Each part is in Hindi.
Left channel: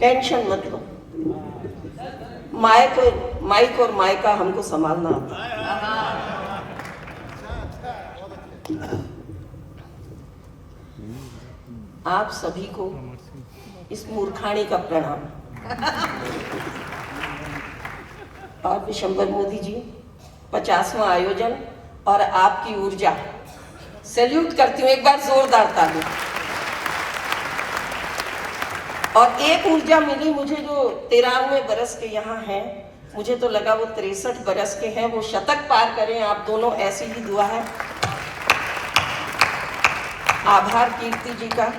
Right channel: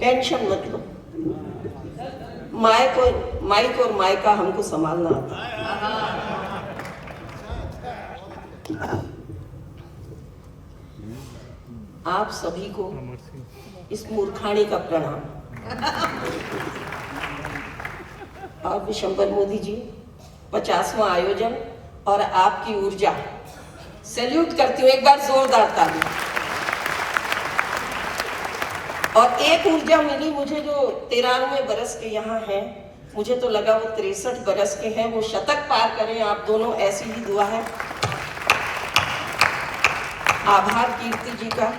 टेंशन मत लो, माइक और माइका हमको संभालना आता है। आप सभी को इस मूर्खाणी का प्रणाम। और विशंबर मोदी जी, 50वां आयोजन और आपकी ऊर्जा, सैल्यूट करती हूँ, एक बार जोरदार ताली। और एक ऊर्जा मिली मुझे जो 93 बरस के यहाँ हैं, मुझे तो लगा वो 63 बरस के हैं, वो शतक पार करें आप दोनों, ऐसी ही दुआ है। आभार कीर्ति जी का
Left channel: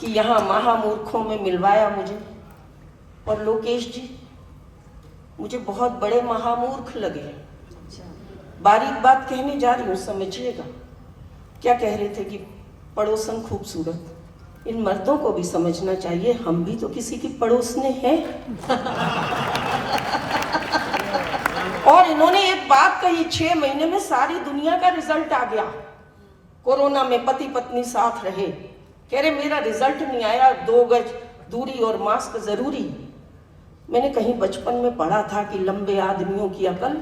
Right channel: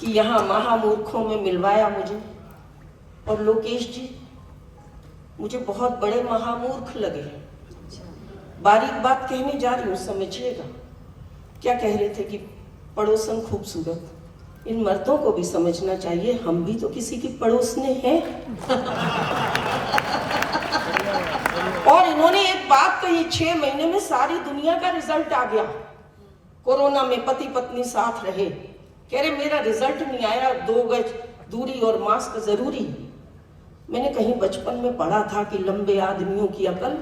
कि यहाँ महामूर्खों में मिलवाया मुझे। और लोकेश जी, मुझे बहुत बड़े महामूर्ख लगे। बारीक बात कहने जा रही हूँ, समझिएगा। क्या कह रहे थे कि पड़ोसन खूबसूरत, इन मर्दों को भी समझना चाहिए, हम भी तो किसी की पड़ोसने हैं। और इन्होंने एक बात कही, 6 महीने में सारी दुनिया का रिजल्ट आ गया। कोरोना में पति पत्नी साथ रहे, कह रहे मेरा रिजल्ट नहीं आया, 2 गज दूरी और मास्क जरूरी। मैंने कहीं बचपन में पढ़ा था कि लंबे आदमियों की अकल।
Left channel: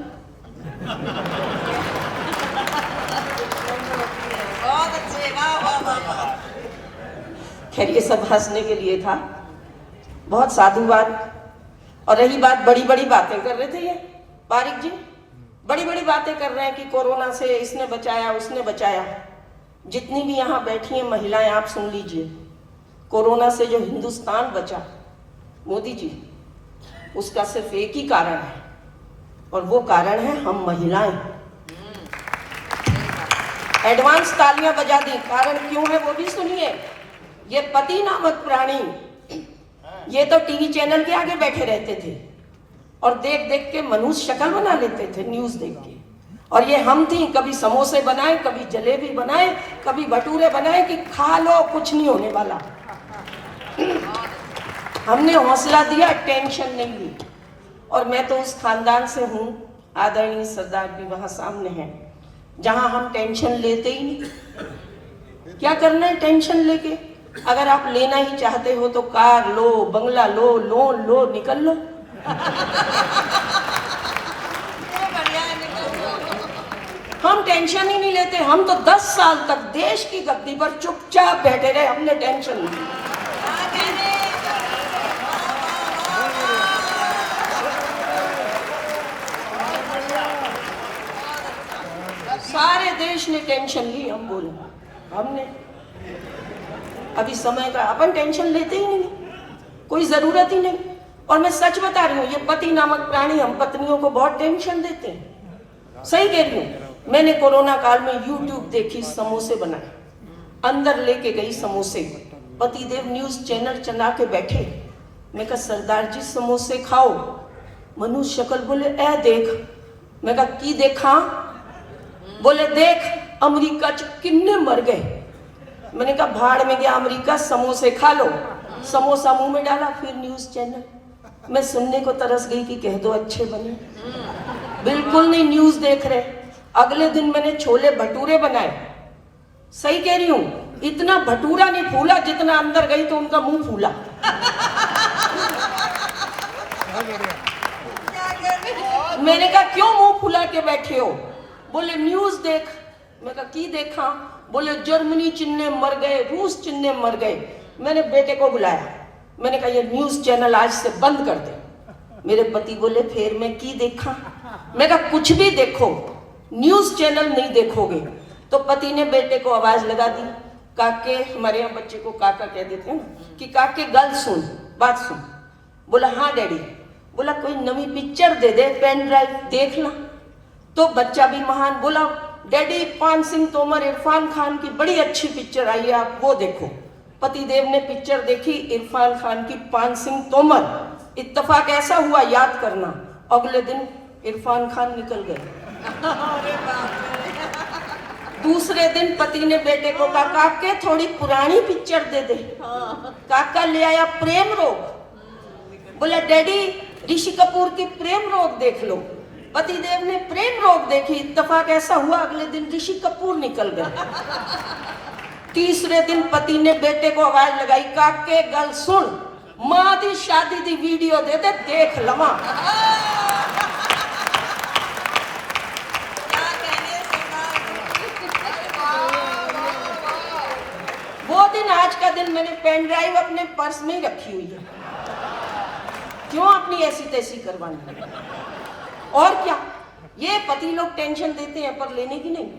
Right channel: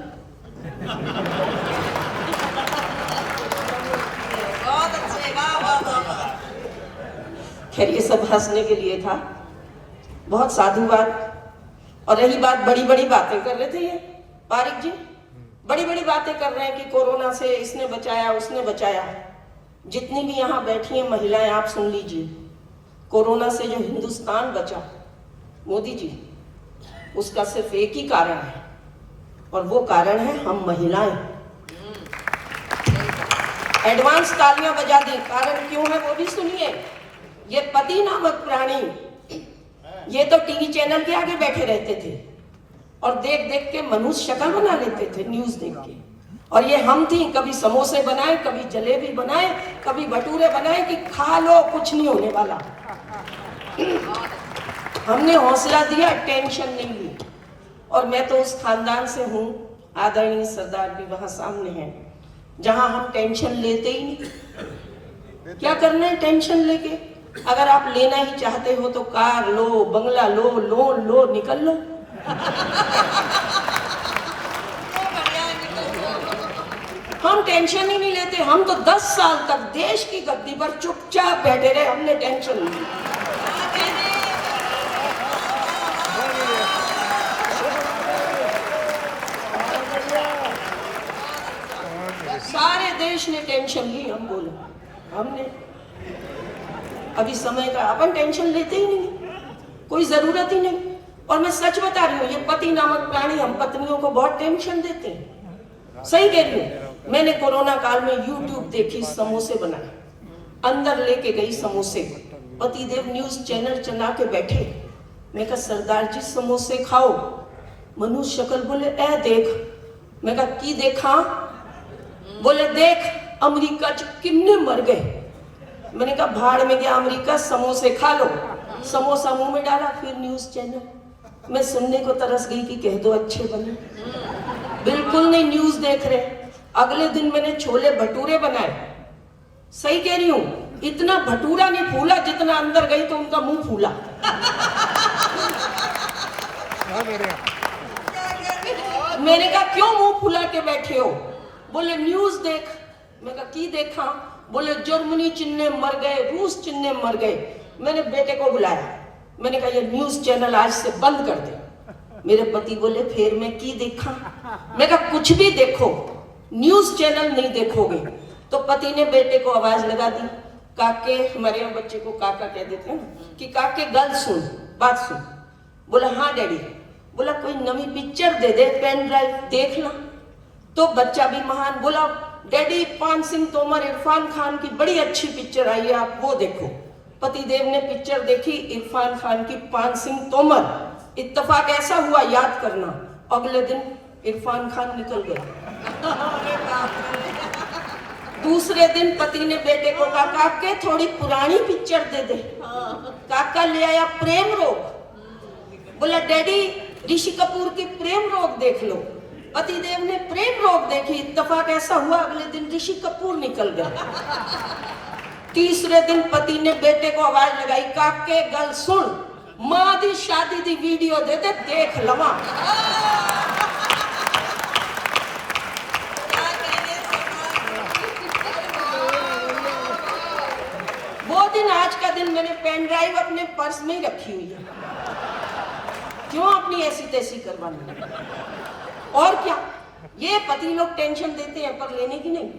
खैर ये सब हंसने के लिए था, बहुत साधुवाद। और रही बात, बड़ी बड़ी बातें कर रहे थे ये पारिक जी, बड़ी बड़ी बातें कर रहे हैं कि कोरोना से इसने बचाया उसने बचाया। जितनी भी यहाँ बैठी हैं महिलाएं, आप सुन लीजिए, कोरोना से जो हिंदुस्तान बचा मोदी जी, उसका सिर्फ एक ही कारण है, और वो कारण है हम महिलाएं। एडवांस तालियां बजा दी। कारण क्यों है वो भी सुनिए। ये पति नामक प्राणी, ये तो टीवी चैनल के आगे बैठे रहते थे और देख देख के मनुष्य शक्ल बना लेते थे न्यूज देख के। और ये हम थी, कभी समोसे बनाए, कभी जलेबी बनाए, कभी भटूरे बनाए कि खा लो, कुछ नहीं होने वाला। हमने हौसला दिया, टेंशन नहीं ली। और मैं तो उस खानदान से हूँ, आदरणीय सरदार भी वहां सामने हैं, जहां हम टेंशन लेते ही नहीं। क्या करना है टेंशन लेके? अगर आप लेना ही चाहते हो तो कार लो, बंगला लो, लोन लो, निकल लो। हम टेंशन ही नहीं लेते। हम तो 10 साल तक देश की गद्दी पर चुपचाप बैठे रहे, हमने टेंशन नहीं ली। सारे देश ने टेंशन ली, हम बोलो हमने। अभी समय का, अपन टेंशन लेते ही नहीं, कोई जरूरत ही नहीं। और मैं सच बता रही हूँ, ये पति नामक प्राणी हम पत्नियों को बहुत टेंशन देते हैं। सही कह रही हूँ। मैंने कोरोना काल में YouTube देखी, समोसे बनाए, अंदर लेके गई समोसे। पतिदेव न्यूज चैनल चला के बैठे। मैं कहा सरदार जी समोसे खाओ। मनुष्य शक्ल बोले ए देख। मैं कहा की देखा? बोले देख अमेरिका च किन्ने मर गए। मैंने कहा भाड़ में गया अमेरिका, समोसे खा लो। समोसा मुंह में डाला, फिर न्यूज चैनल। मैं सुनने को तरस गई कि कह दो अच्छे बने। बिल्कुल नहीं न्यूज देख रहे। अगले दिन मैंने छोले भटूरे बनाए। सही कह रही हूँ, इतना भटूरा नहीं फूला जितना अंदर गई तो उनका मुंह फूला। मैंने कहा क्यों मुंह फुला के बैठे हो? बोले न्यूज देख। मैं कहा की देखा? बोले जर्मनी चिन्ने मर गए, रूस चिन्ने मर गए। मैंने बेटे को बुलाया, मैंने कहा ये न्यूज चैनल आज से बंद कर दे। मेरे पति बोले फिर मैं की देखा? मैं कहा कुछ भी देखो, न्यूज चैनल नहीं देखोगे। तो पति ने बेटे को आवाज लगा दी, काके, हमारे यहाँ बच्चे को काका कह देते हैं, कि काके गल सुन, बात सुन। बोला हाँ डैडी। बोला कोई नवी पिक्चर दे दे, पेन ड्राइव देखना। तो बच्चा भी महान, बोला डैडी पान सिंह तोमर, इरफान खान की बड़ी अच्छी पिक्चर आई है, आप वो देखो। पतिदेव ने पिक्चर देखी, इरफान खान की पान सिंह तोमर। इत्तेफाक ऐसा हुआ, याद करना, अगले दिन इरफान खान निकल गए। दूसरे दिन पति ने बेटे को कहा काके थोड़ी पुरानी पिक्चर दे दे। काका ले आया प्रेम रोग। बोला डैडी ऋषि कपूर की प्रेम रोग देख लो। पतिदेव ने प्रेम रोग देखी, इत्तेफाक ऐसा हुआ अगले दिन ऋषि कपूर निकल गए। तीसरे दिन पति ने बेटे को आवाज लगाई, काके गल सुन, मां दी शादी दी वीडियो दे दे देख लवा। वो दिन आज का दिन मैंने पेन ड्राइव अपने पर्स में ही रखी हुई है। क्यों अपनी ऐसी तैसी करवानी? और क्या, ये पति लोग टेंशन देते हैं पर लेने की नहीं,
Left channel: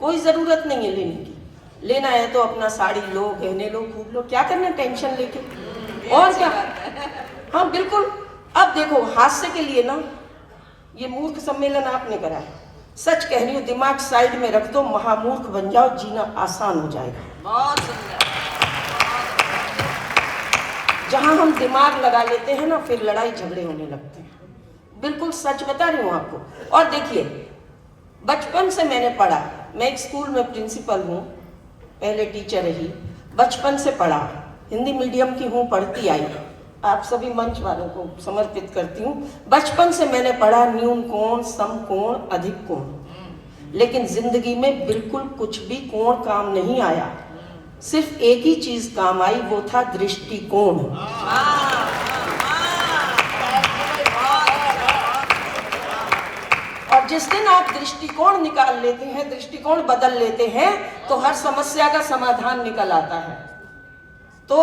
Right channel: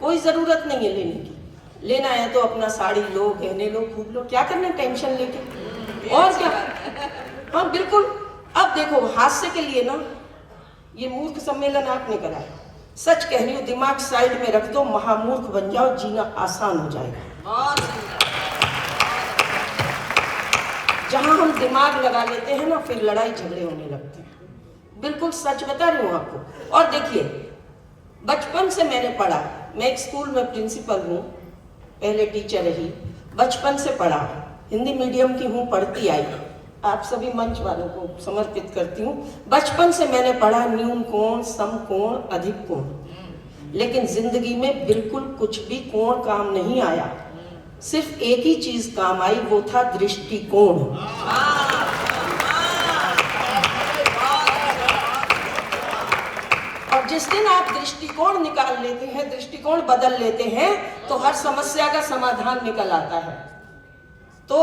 कोई जरूरत नहीं है लेने की। लेना है तो अपना साड़ी लो, गहने लो, खूब लो, क्या करना टेंशन लेके, और क्या। हाँ बिल्कुल। अब देखो, हास्य के लिए ना ये मूर्ख सम्मेलन आपने कराया। सच कह रही हूँ, दिमाग साइड में रख दो, महामूर्ख बन जाओ, जीना आसान हो जाएगा। जहां हम दिमाग लगा लेते हैं ना, फिर लड़ाई झगड़े होने लगते हैं। बिल्कुल सच बता रही हूँ आपको। और देखिए, बचपन से मैंने पढ़ा, मैं एक स्कूल में प्रिंसिपल हूँ, पहले टीचर रही, बचपन से पढ़ा, हिंदी मीडियम की हूँ, पढ़ती आई, आप सभी मंच वालों को समर्पित करती हूँ। बचपन से मैंने पढ़ा न्यून कोण, सम कोण, अधिक कोण, लेकिन जिंदगी में बिल्कुल कुछ भी कोण काम नहीं आया। सिर्फ एक ही चीज काम आई, वो था दृष्टिकोण। और जिस दिन आप दृष्टिकोण निकाल लेते हैं, दृष्टिकोण बदल लेते हैं, तो हर समस्या का समाधान निकल आता है। तो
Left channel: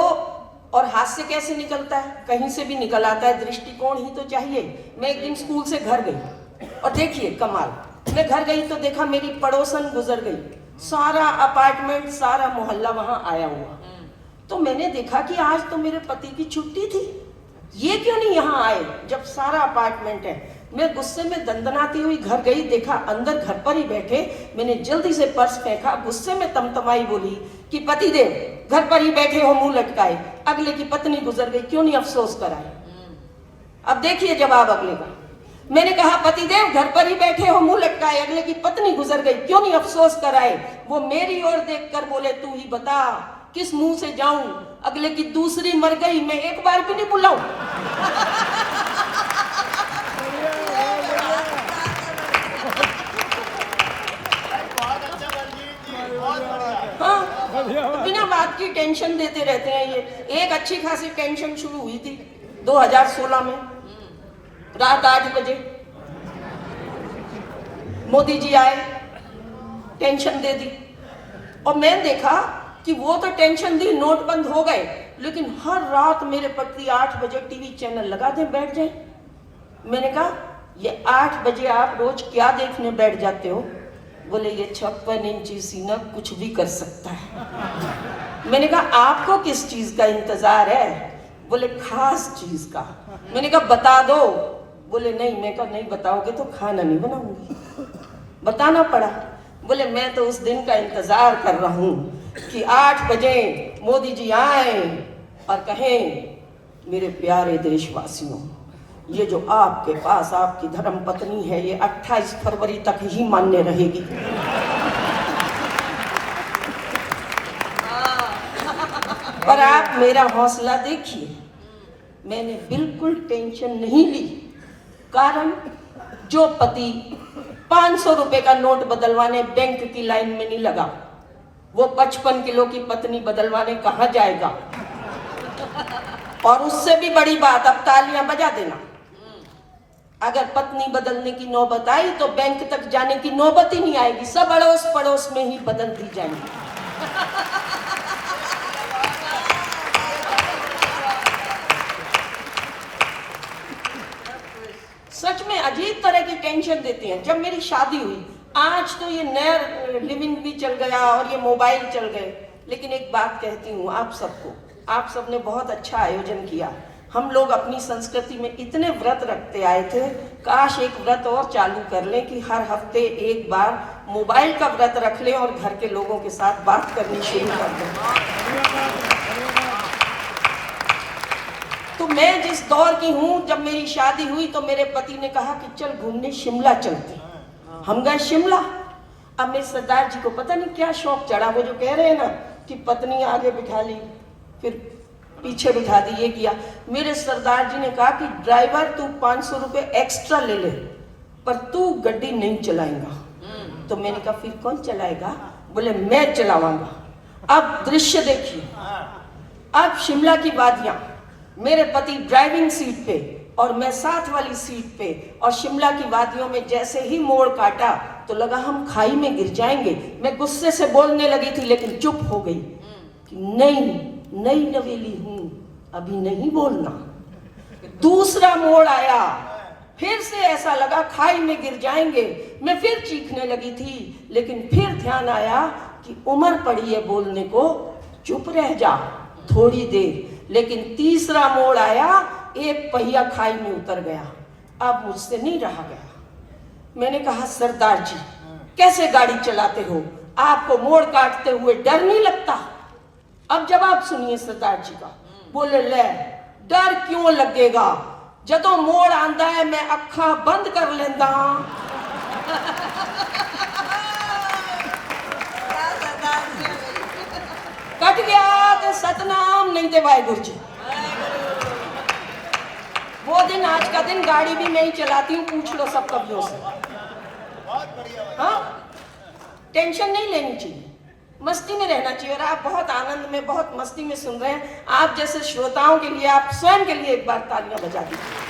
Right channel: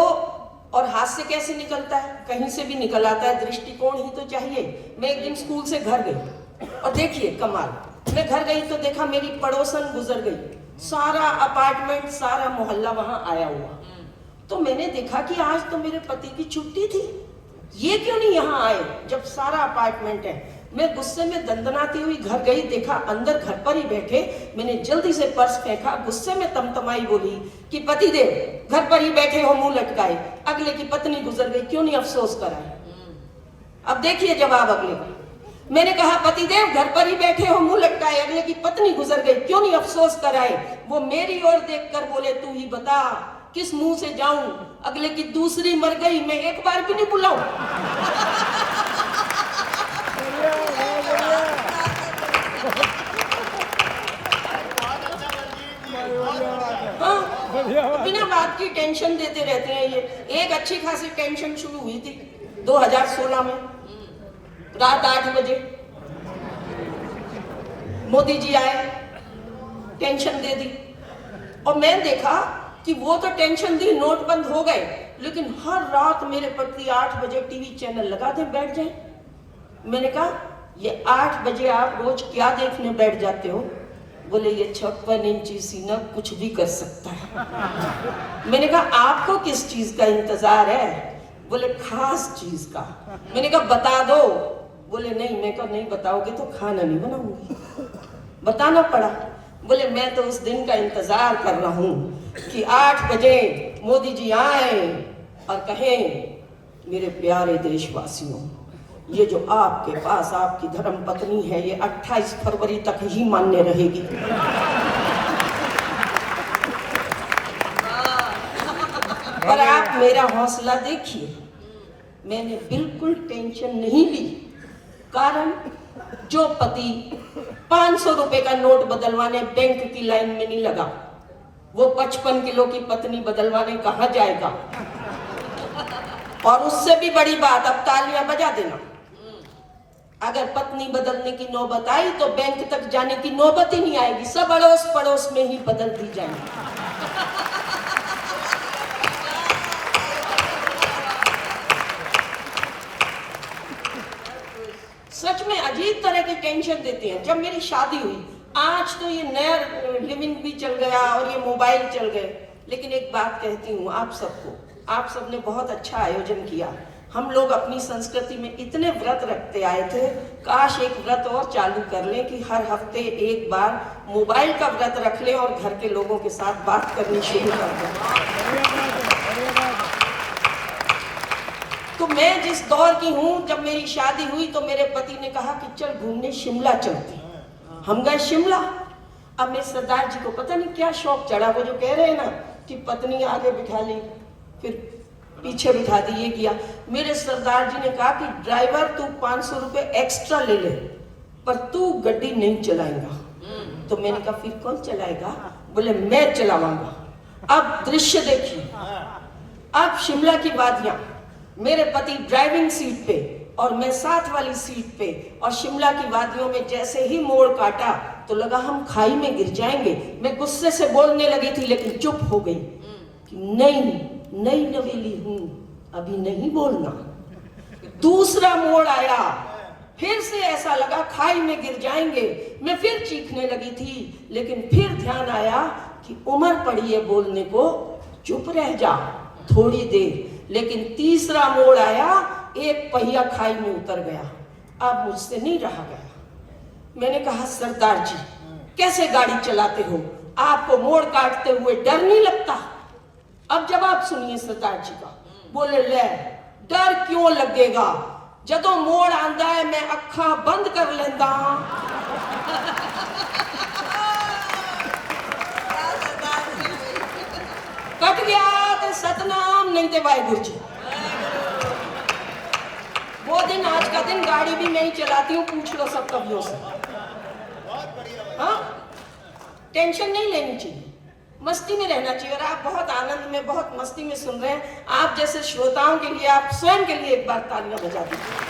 और हास्य कैसे निकलता है? कहीं से भी निकल आता है, दृष्टिकोण ही तो चाहिए। मैं एक दिन स्कूल से घर गई और देखिए कमाल, मैं घर गई तो देखा मेरी पड़ोसन गुजर गई, सारा अपार्टमेंट, सारा मोहल्ला वहां आया हुआ। तो मैंने देखा कि आज तो मेरे पति की छुट्टी थी, ये क्यों नहीं यहाँ आए जब सारा अपार्टमेंट है। मैं गुस्से में दंदनाती हुई घर गई, देखा अंदर घर पर ही बैठे। मैंने जल्दी से पर्स फेंका, गुस्से में तमतमाई बोली कि पति देव घर पर ही बैठे हो मुंह लटकाए, अगले की पत्नी गुजर गई, क्यों नहीं अफसोस कराए। अब देखिए जवाब अगले का। मैंने कहा पति देव घर पर ही बैठे हो मुंह लटकाए, अगले की पत्नी गुजर गई, क्यों नहीं अफसोस कराए। वो मेरी ओर देखकर बोले, तू ही बता किस मुंह से जाऊं, अगले की दूसरी मर गई, मैं एक बार भी नहीं बुलाऊं। हाँ, तो बिना बात की टेंशन देते रहते हैं ये। एक अच्छी खासी टेंशन शुरू हुई थी 2016 में, रात 8 बजे मोदी जी आए, टेंशन दे दी। और मैं देखा कि वो तो टेंशन दी, नोट बंद हो गए, लेकिन हर रात मेरे पति 8 बजे टीवी चैनल लगा दे बैठ जाए। मैंने कहा ये 8 बजे आप रोज क्या देखने बैठ जाते हो? बोले ये 56 इंची सीना कुछ भी कर सकता है। मैंने कहा आपको किस चीज का इंतजार है? बोले खास चीज का। मैंने कहा बता दो। बोले नहीं। मैं कहा नहीं बताओगे तो खाना नहीं बनाऊंगी। बताना पड़ा। बोले मैं तो उस दिन का इंतजार कर रहा हूं कि 8 बजे मोदी जी आए और कहें मेरे प्यारे देशवासियों, ये जो आपके पास आपकी धर्म पत्नी है, ये 28 फरवरी तक ही मान्य रहेगी। पर आप मेरा हौसला देखिए, मैंने बिल्कुल टेंशन नहीं ली। कारण जो पति 500 रुपए का नोट बदलवाने बैंक की लाइन में नहीं लगा, वो 55 किलो की पत्नी बदलवाने कहां जाएगा। और उससे भी बड़ी बात, अब तालियां बजा देना, अगर पत्नी बदलने की नौबत आई तो बैंक तक जाने की नौबत ही नहीं आएगी, सब अड़ोस पड़ोस में ही बदल दी जाएगी। सच में अजीब तरह की टेंशन देते हैं। जब मेरी शादी हुई, आज तो ये नया लिविंग भी चल गया और ये मोबाइल चल गए, लेकिन एक बात कहती हूँ आप सबको, आप सबने बहुत अच्छा आयोजन किया। हम लोग अपनी संस्कृति में इतने व्रत रखते आए थे, काश एक व्रत और चालू कर लें कि हर हफ्ते एक बार मोबाइल का व्रत रख लें और घर के लोगों के साथ बात करनी शुरू कर दें। तो मैं जिस दौर की हूँ, जब मेरी शादी हुई तो मेरे पति ने कहा कि चल घूमने शिमला चलते। हम गए शिमला। अब मेरे सरदार जी को पता नहीं क्या शौक चढ़ा, वो जो कह रहे हैं ना कि पत्नी आगे बिठा ली फिर पीछे बिठा दी, ये किया। मेरे सरदार जी ने कहा कि ड्राइवर तू 500 रुपए एक्स्ट्रा ले ले, पर तू गड्डी नहीं चलाएगा। तो मैंने कहा फिर कौन चलाएगा? बोले मैं चलाऊंगा। अब दृश्य देखिए, अब शिमला की वादियां, मेरे पति ड्राइविंग सीट पे और मैं साथ वाली सीट पे, और शिमला की वादियों में जैसे ही मोड़ काटा तो लगा हम खाई में गिर जाएंगे। मैं गुस्से से बोलने लगी थी लेकिन चुप हो गई कि नहीं, नई नवेली हूं, अभी नहीं बोलना। दूसरा मोड़ आया, फिर से ऐसा लगा खाई में गिर जाएंगे। मैं फिर चीखने लगी थी लेकिन फिर ध्यान आया कि उम्र पड़ी है बोलने को, चुप रह जा थोड़ी देर। लेकिन तीसरा मोड़ आया, एक पहिया खाई में उतर गया, अब मुझसे नहीं रहा गया। मैंने कहा सरदार जी कैसे गाड़ी चलाते हो, आपको मोड़ काटते हुए डर नहीं लगता? अब जवाब सुनिए सरदार जी का। बोले ले डर क्यों लगेगा, जदों मोड़ आंदा है मैं अखा बंद कर लेंदा। कट गया ते सतनाम, नहीं ते वाहिगुरु जी। वो दिन आज का दिन गाड़ी भी मैं ही चलाती हूँ, पूछ लो सब कवियों से। हाँ, टेंशन नहीं लेनी चाहिए, मस्ती में रहना चाहिए। और आप बहुत आनंद में, बहुत मस्ती में सुन रहे हैं। आप जैसे श्रोताओं के लिए, आप स्वयं के लिए एक बार तालियां बजा दीजिए।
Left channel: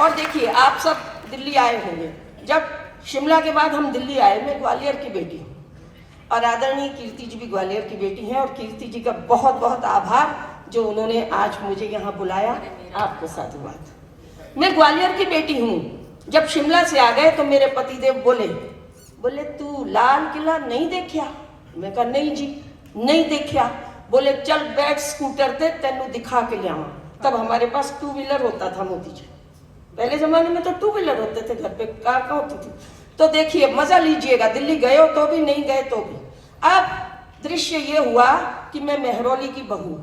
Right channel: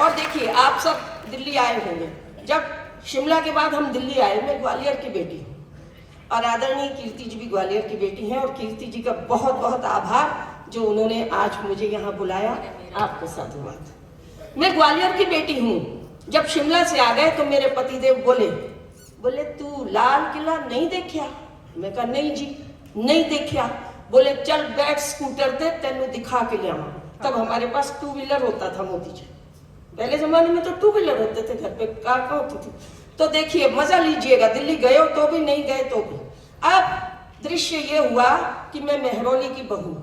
और देखिए आप सब दिल्ली आए होंगे। जब शिमला के बाद हम दिल्ली आए, मैं ग्वालियर की बेटी हूँ और आदरणीय कीर्ति जी भी ग्वालियर की बेटी हैं, और कीर्ति जी का बहुत बहुत आभार जो उन्होंने आज मुझे यहाँ बुलाया। आपको साधुवाद। मैं ग्वालियर की बेटी हूँ। जब शिमला से आ गए तो मेरे पतिदेव बोले तू लाल किला नहीं देखा? मैं कहा नहीं जी नहीं देखा। बोले चल बैठ स्कूटर पे तेनू दिखा के ले आवा। तब हमारे पास टू व्हीलर होता था मोदी जी, पहले जमाने में तो टू व्हीलर होते थे घर पे, कार कहाँ होती थी। तो देखिए मजा लीजिएगा, दिल्ली गए हो तो भी, नहीं गए तो भी। अब दृश्य ये हुआ कि मैं मेहरौली की बहू,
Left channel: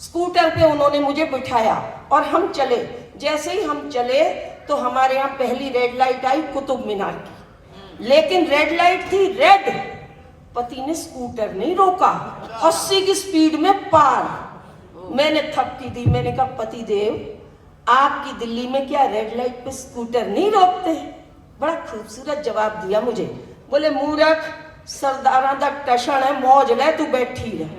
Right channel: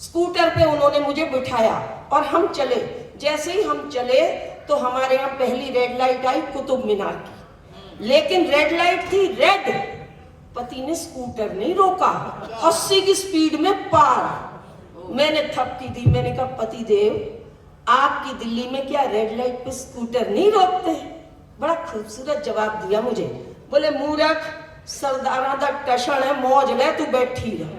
स्कूटर पे उन्होंने मुझे बिठाया और हम चले। जैसे ही हम चले तो हमारे यहाँ पहली रेड लाइट आई कुतुब मीनार की, लेकिन रेड लाइट थी रेड। पति ने स्कूटर नहीं रोका, 80 की स्पीड में पार। मैंने थपकी दी, मैंने कहा पति देव आपकी दिल्ली में क्या रेड लाइट पे स्कूटर नहीं रोकते? बड़ा खूबसूरत जवाब दिया मुझे। बोले मूर्ख, सरदारा दा टशन है, मौज ले तू बैठी रहे।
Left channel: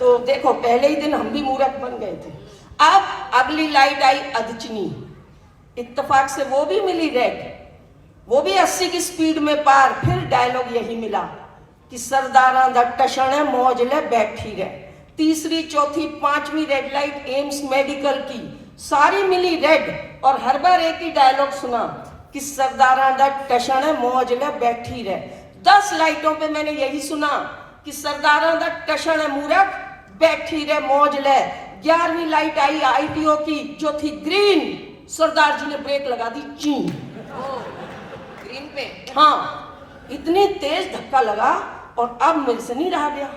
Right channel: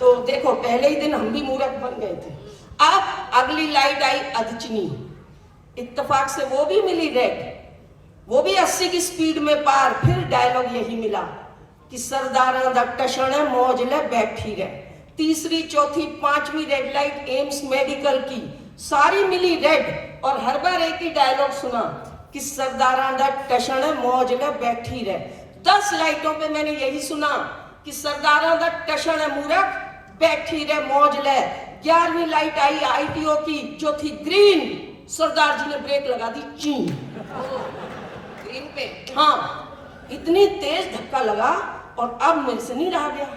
तो देखो पहले ही दिन हम भी मूर्ख बन गए थे। अब अगली लाइट आई अदचनी, इत्तेफाक से वो भी मिली रेड, वो भी 80 की स्पीड में पार। फिर डायलॉग यही मिला कि सरदारा दा टशन है, मौज ले बैठी रहे। तीसरी, चौथी, पांचवी रेड लाइट एम्स मेडिकल की, सारी मिली रेड। और हर बार एक ही डायलॉग सुना कि सरदारा दा टशन है, मौज ले बैठी रहे। 10 लाइटों पे मैंने यही सुना कि सरदारा दा टशन है, मूर्ख बैठी रहे, मौज ले। 11वीं लाइट आई आईटीओ की, जो थी ग्रीन। सरदार जी ने ब्रेक लगा दी, चीन ग्रीन पे। हाँ, इतनी तेज धक्का लगा और अब मेरे से नहीं रहा गया।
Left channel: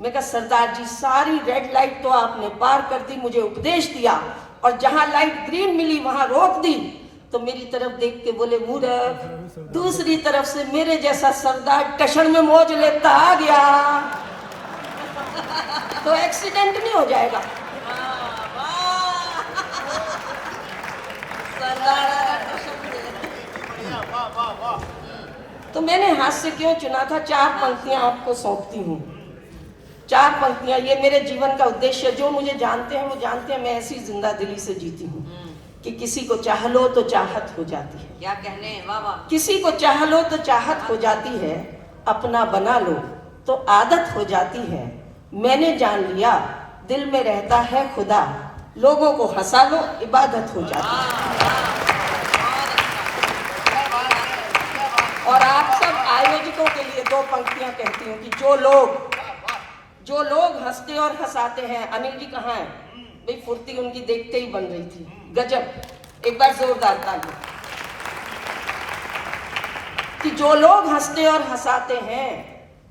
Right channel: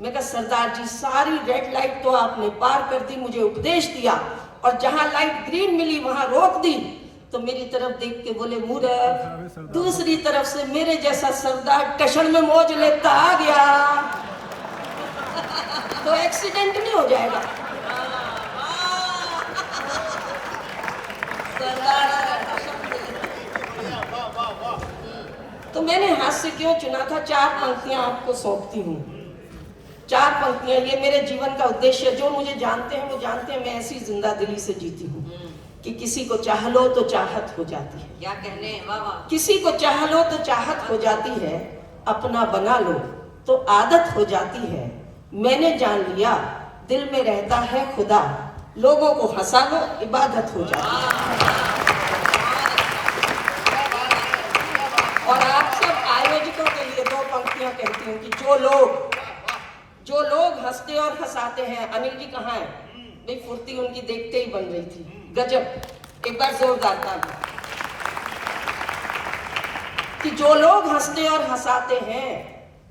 मैं कहा सरदार जी सारी रेड लाइट तो आपने पार कर दी, मुझे उपदेश दिया, और जहां लाइट ग्रीन मिली वहां रोक दी। तो मेरी तरफ देख के बोले मूर्ख, दूसरी तरफ से मेरे जैसा सरदार टशन में मौज लेता आ गया तो एक्सीडेंट नहीं हो जाएगा। तो मैंने हास्य क्यों चुना था? 4 पंक्तियां आपको सौंपती हूँ। 4 पंक्तियां, ये मेरे जीवन का उद्देश्य। जो मुझे जानते हैं वो जानते हैं मैं ऐसी जिंदा दिली से जीती हूँ कि किसी को चाह लो तो चाहत हो जाती है। क्या कहने, वाह वाह। किसी को चाह लो तो चाहत हो जाती है, अपना बना लो तो आदत हो जाती है। मैंने जान लिया दिल में रहता है खुदा, लोगों को हंसा लो इबादत हो जाती है। और आप सब आयोजकों के लिए 2 पंक्तियां कहती हूँ कि जो लोग हंसते और हंसाते हैं। अनिल जी कहाँ है भाई? फुर्ती उनकी देखते ही बन रही थी, गजब। एक बार जोरदार ताली। कि जो लोग हंसते और हंसाते हैं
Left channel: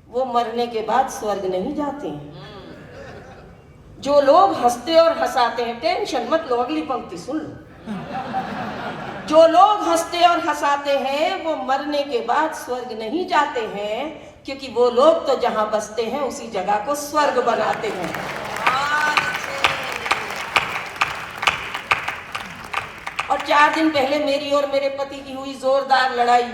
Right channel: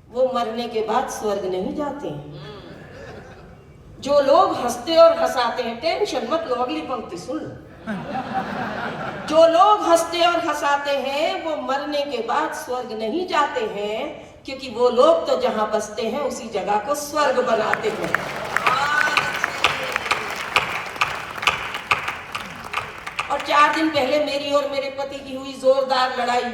वो मरने के बाद स्वर्ग नहीं जाते हैं। जो लोग हंसते और हंसाते हैं, टेंशन मत लो, अगली पंक्ति सुन लो। जो लोग हंसते और हंसाते हैं वो मरने के बाद स्वर्ग नहीं जाते हैं, क्योंकि वो लोग तो जहां बसते हैं उसी जगह को स्वर्ग बनाते हैं। और 4 दिन पहले मेरी और मेरे पति की हुई जोरदार लड़ाई।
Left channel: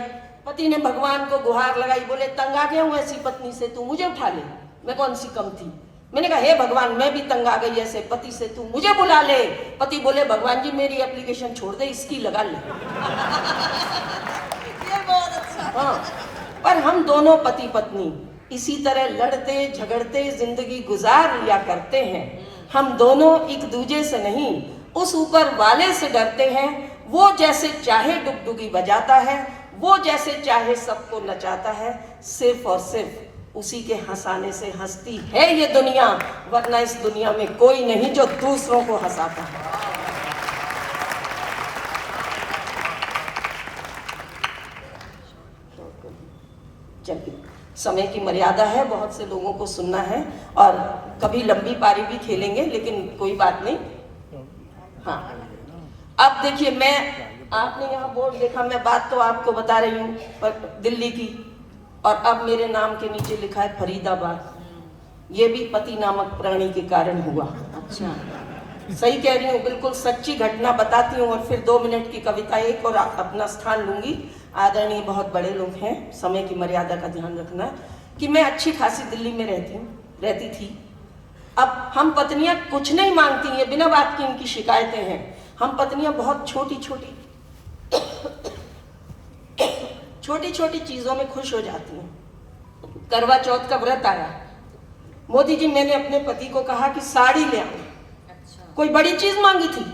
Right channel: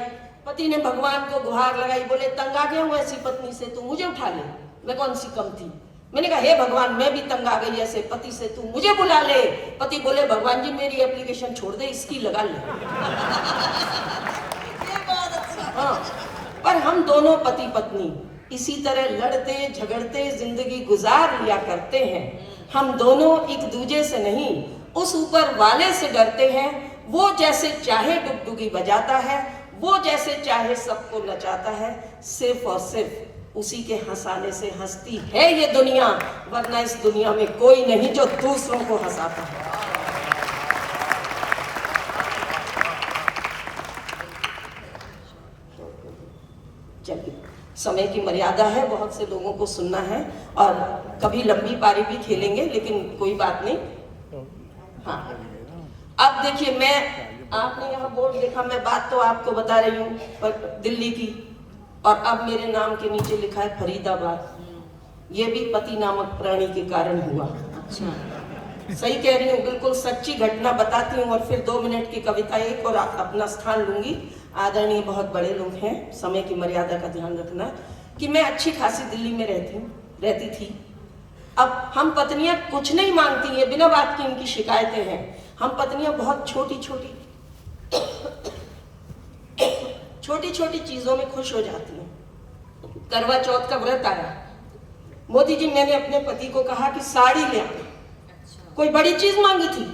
पति ने भगवान को गुहार लगाई, बोले तंग आ गया हूं ऐसी पत्नी से, तू मुझे उठा ले, मैं कौन सी कम थी। मैंने कहा हे भगवान, मैं भी तंग आ गई ऐसे पति से, तू मुझे बुला ले। पति बोले भगवान जी मेरी एप्लीकेशन छोड़ दे, इसकी लगा ले। हाँ, पर हम दोनों पति पत्नी इसी तरह लड़ते झगड़ते जिंदगी गुजार लिया करते हैं। हम दोनों एक दूसरे से नहीं, उस ऊपर वाले से डरते हैं। वो जैसे चाहे डुगडुगी बजाता है, वो जैसे चाहे सबको नचाता है, सिर्फ और सिर्फ उसी के हंसाने से हंसती है ये दुनिया, वरना इस दुनिया में कोई नहीं जो दूसरों को हंसाता है। चलिए, समय की मर्यादा है, बहुत से लोगों को सुनना है और कभी लंबी पारी भी खेलेंगे, लेकिन कोई बात नहीं। हाँ, अब देखिए, आपने यहाँ बोर्ड देखा, मैं बात तो आपको बता रही हूँ पर दिल्ली की, और अब मेरे नाम के नीचे लिखा है फरीदाबाद। ये भी पति नामक प्राणी के कारण हुआ। अच्छा, सही कह रही हूँ, बिल्कुल सच्ची घटना बताती हूँ और फिर 2 मिनट की कविता एक और अपना स्थान लूंगी। आदरणीय बहुत बड़े लोग हैं, समय की मर्यादा का ध्यान रखना। कि मैं अच्छी खासी दिल्ली में रहती थी। अब हम पत्नियां कुछ नहीं मांगती हैं, बिना बात की इनकी शिकायतें हैं। हम पत्नियां बहुत छोटी छोटी चीजों में खुश हो जाती हैं। करवा चौथ का व्रत आया, मोदी जी मैंने अपने पति को कहा कि साड़ी ले आए। कोई बड़ी चीज मांगी थी?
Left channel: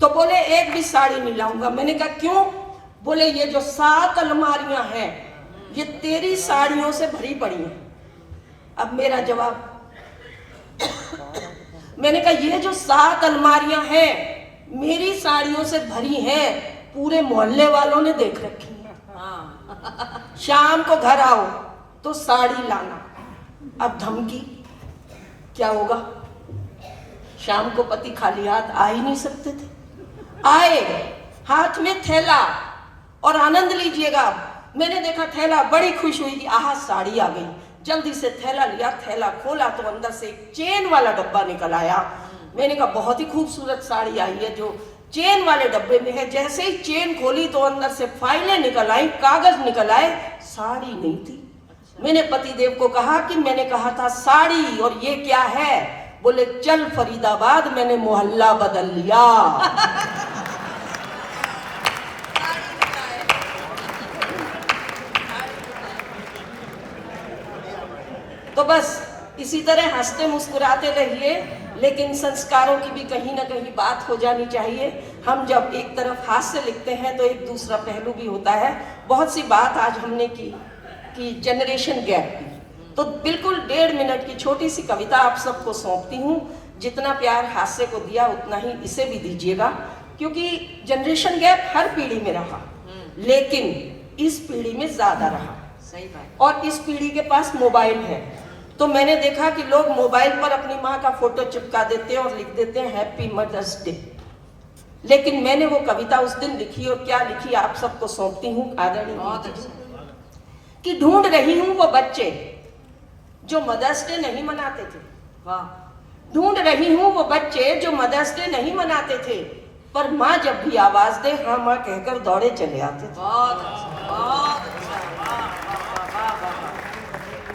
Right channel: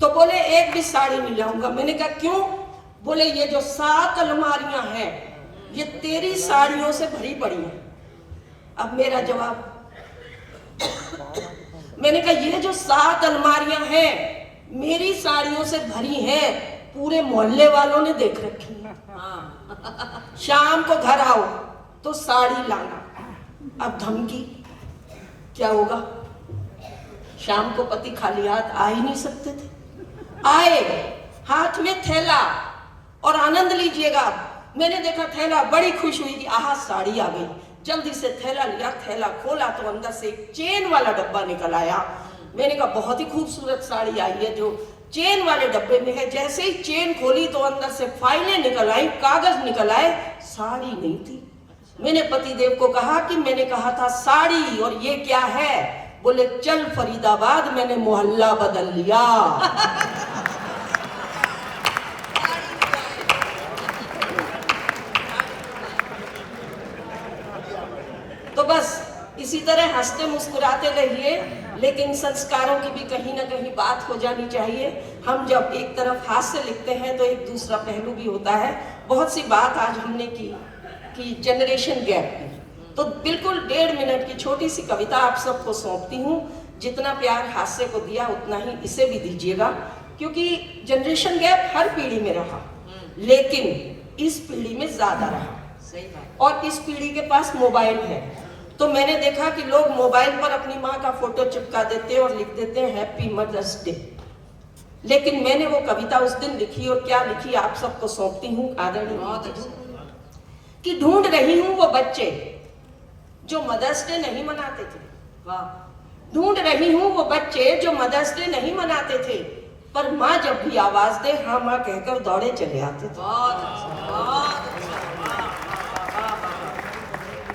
तो बोले एक भी साड़ी नहीं लाऊंगा। मैंने कहा क्यों? बोले ये जो 7 अलमारियां हैं ये तेरी साड़ियों से भरी पड़ी हैं। अब मेरा जवाब, मैंने कहा ये जो 7 अलमारियां हैं मेरी साड़ियों से भरी हैं, पूरे मोहल्ले वालों ने देख रखी है। शाम को घर आओ तो साड़ी लाना। अब धमकी, क्या होगा? शाम को पति खाली हाथ आ ही नहीं सकते थे। आए हाथ में थैला और आनंद लीजिएगा। मैंने देखा थैला, बड़ी खुश हुई कि आहा साड़ी आ गई। जल्दी से थैला लिया, थैला खोला तो अंदर से एक चेन वाला डब्बा निकल आया। मैंने कहा बहुत ही खूबसूरत साड़ी आई है जो चेन वाले डब्बे में है। जैसे ही चेन खोली तो अंदर से फाइलें निकल आई, कागज निकल आए, साड़ी नहीं थी। मैंने पतिदेव को कहा कि मैंने कहा था साड़ी और ये क्या है? बोले चल फरीदाबाद, मैंने मोहल्ला बदल लिया। तो बस इसी तरह हंसते मुस्कुराते रहिए, लेकिन संस्कारों की भी कहीं ना कहीं बात हो जानी चाहिए। हम जब एक तरफ हास्य लिखते हैं तो एक दूसरा पहलू भी होता है। बहुत सी बात आज हमने की कि जनरेशन गैप की, तो बिल्कुल 1.5 मिनट की छोटी सी कविता आप सबको सौंपती हूँ। जितना प्यार हास्य को दिया उतना ही इसे भी दीजिएगा, क्योंकि जनरेशन गैप हर पीढ़ी में रहा, लेकिन इस पीढ़ी में ज्यादा रहा। सही बात। और इस पीढ़ी के पास मोबाइल है, तो मैंने देखा कि लोग मोबाइल पर अपनी माँ का फोटो चिपका देते हैं और लिख देते हैं हैप्पी मदर्स डे। लेकिन मैंने वो कविता उस दिन लिखी, और क्या लिखी आप सबको सौंपती हूँ आदरणीय कि ढूंढ रही हूँ वो बच्चे जो मदर्स डे नहीं मनाते थे। ढूंढ रही हूँ वो बच्चे जो मदर्स डे नहीं मनाते थे, पर माँ जब भी आवाज दे हाँ माँ कहकर दौड़े चले आते थे।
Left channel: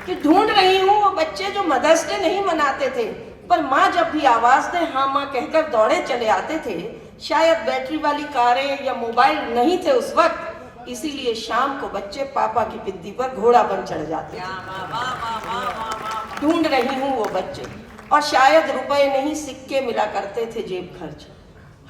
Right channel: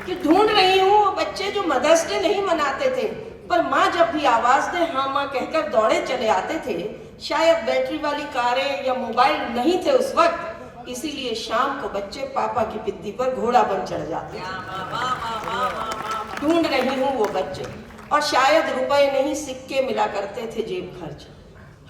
कि ढूंढ रही हूँ वो बच्चे जो मदर्स डे नहीं मनाते थे, पर माँ जब भी आवाज दे हाँ माँ कहकर दौड़े चले आते थे। शायद बैटरी वाली कारें या मोबाइल नहीं थे उस वक्त, इसीलिए शाम को बच्चे पापा की पिद्दी पर घोड़ा बन चढ़ जाते थे। ढूंढ रही हूँ वो बच्चे, और शायद रुपए नहीं सिक्के मिला करते थे जेब खर्च।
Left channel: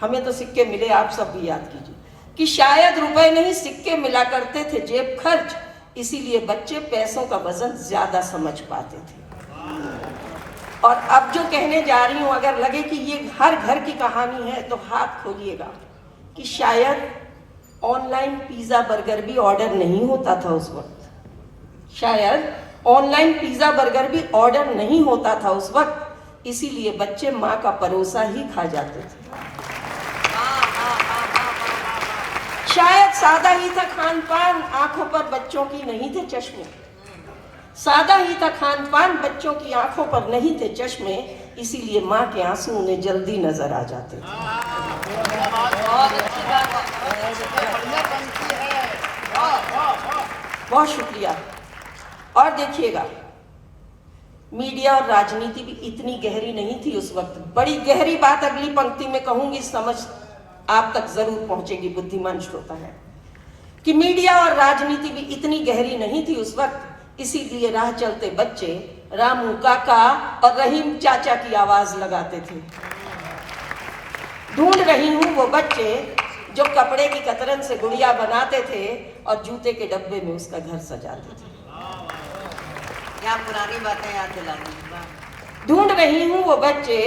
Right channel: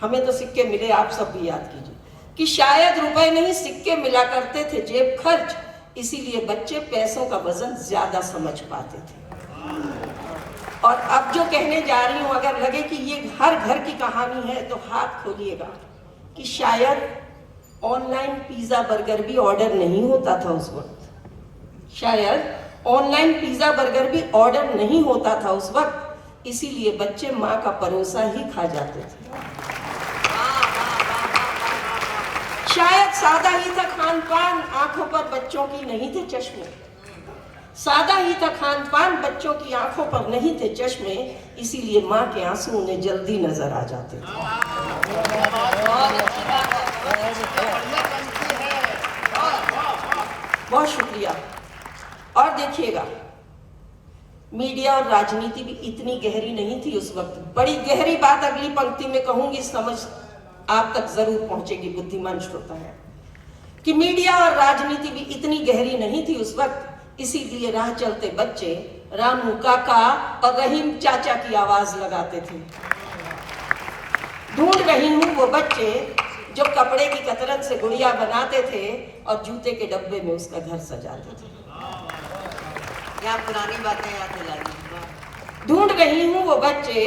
हमें तो सिक्के मिले, आप सब भी याद कीजिए कि शायद रुपए नहीं सिक्के मिला करते थे जेब खर्च, इसीलिए बच्चे पैसों का वजन ज्यादा समझ पाते थे। और अब जो कहने जा रही हूं, अगर लगे कि ये हर घर की कहानी है तो हाथ खोलिएगा कि शायद ऑनलाइन पिज्जा बर्गर भी ऑर्डर नहीं होता था उस वक्त। शायद ऑनलाइन पिज्जा बर्गर भी ऑर्डर नहीं होता था उस वक्त, इसीलिए बच्चे माँ का परोसा ही खा जाते थे। शायद सादा ही था खान पान, आंखों पर बच्चों की नहीं थे चश्मे। सादा ही था खान पान, बच्चों की आंखों पर नहीं थे चश्मे, इसीलिए माँ के आंसू उन्हें जल्दी नजर आ जाते थे। बहुत शुक्रिया। और देखिएगा, मीडिया और राजनीति भी इतनी गहरी नहीं थी उस वक्त। बड़ी गहरी बात अगली पंक्ति में कहूंगी, समझ आप तक जरूर पहुंचेगी बुद्धिमान श्रोता है, कि मीडिया और राजनीति भी इतनी गहरी नहीं थी उस वक्त। इसीलिए राह चलते बच्चे रामू काका और रहीम चाचा की आवाज लगाते थे। ढूंढ रही हूं वो बच्चे जो कपड़े की कतरन से गुड़िया बनाते थे और जूते के डब्बे में उसका घर सजाते थे। क्या पुरानी बातें याद दिलानी। ढूंढ रही हूं वो बच्चे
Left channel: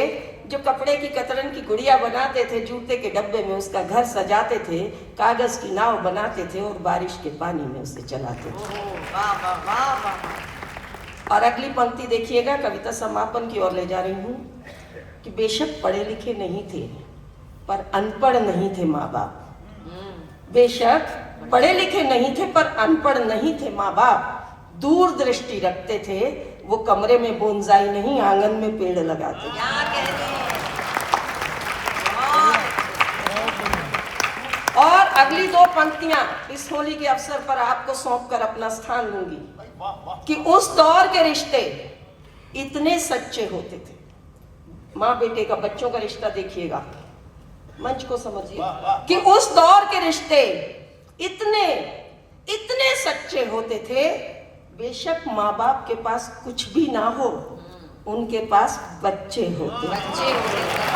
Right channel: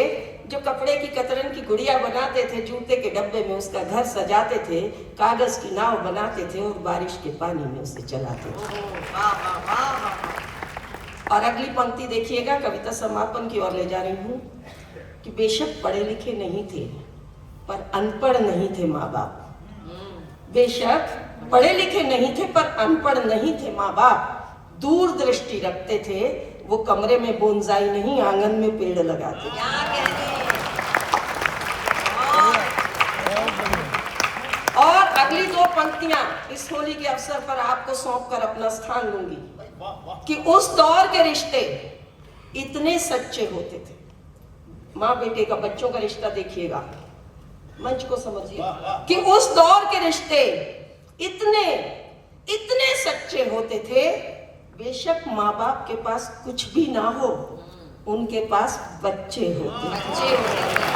जो कपड़े की कतरन की गुड़िया बनाते थे, जूते के डब्बे में उसका घर सजाते थे, कागज की नाव बनाते थे और बारिश के पानी में उसे चलाते थे। और अगली पंक्ति देखिएगा, कविता समापन की ओर ले जा रही हूं, कि बेशक पढ़े लिखे नहीं थे पर अनपढ़ नहीं थे माँ बाप। बेशक पढ़े लिखे नहीं थे पर अनपढ़ नहीं थे माँ बाप। दूर दृष्टि रखते थे, वो कमरे में बोनसाई नहीं आंगन में पेड़ लगाते थे। और अगली दो पंक्तियां इस होली के अवसर पर आपको सौंप कर अपना स्थान लूंगी, कि उस दौर के रिश्ते इतने सच्चे होते थे। माँ बेटे का, बच्चों का रिश्ता देखिएगा, मंच को समझिए, कि उस दौर के रिश्ते इतने इतने सच्चे होते थे। बेशक माँ बाप के पास कुछ भी ना हो, उनके पास बच्चे होते।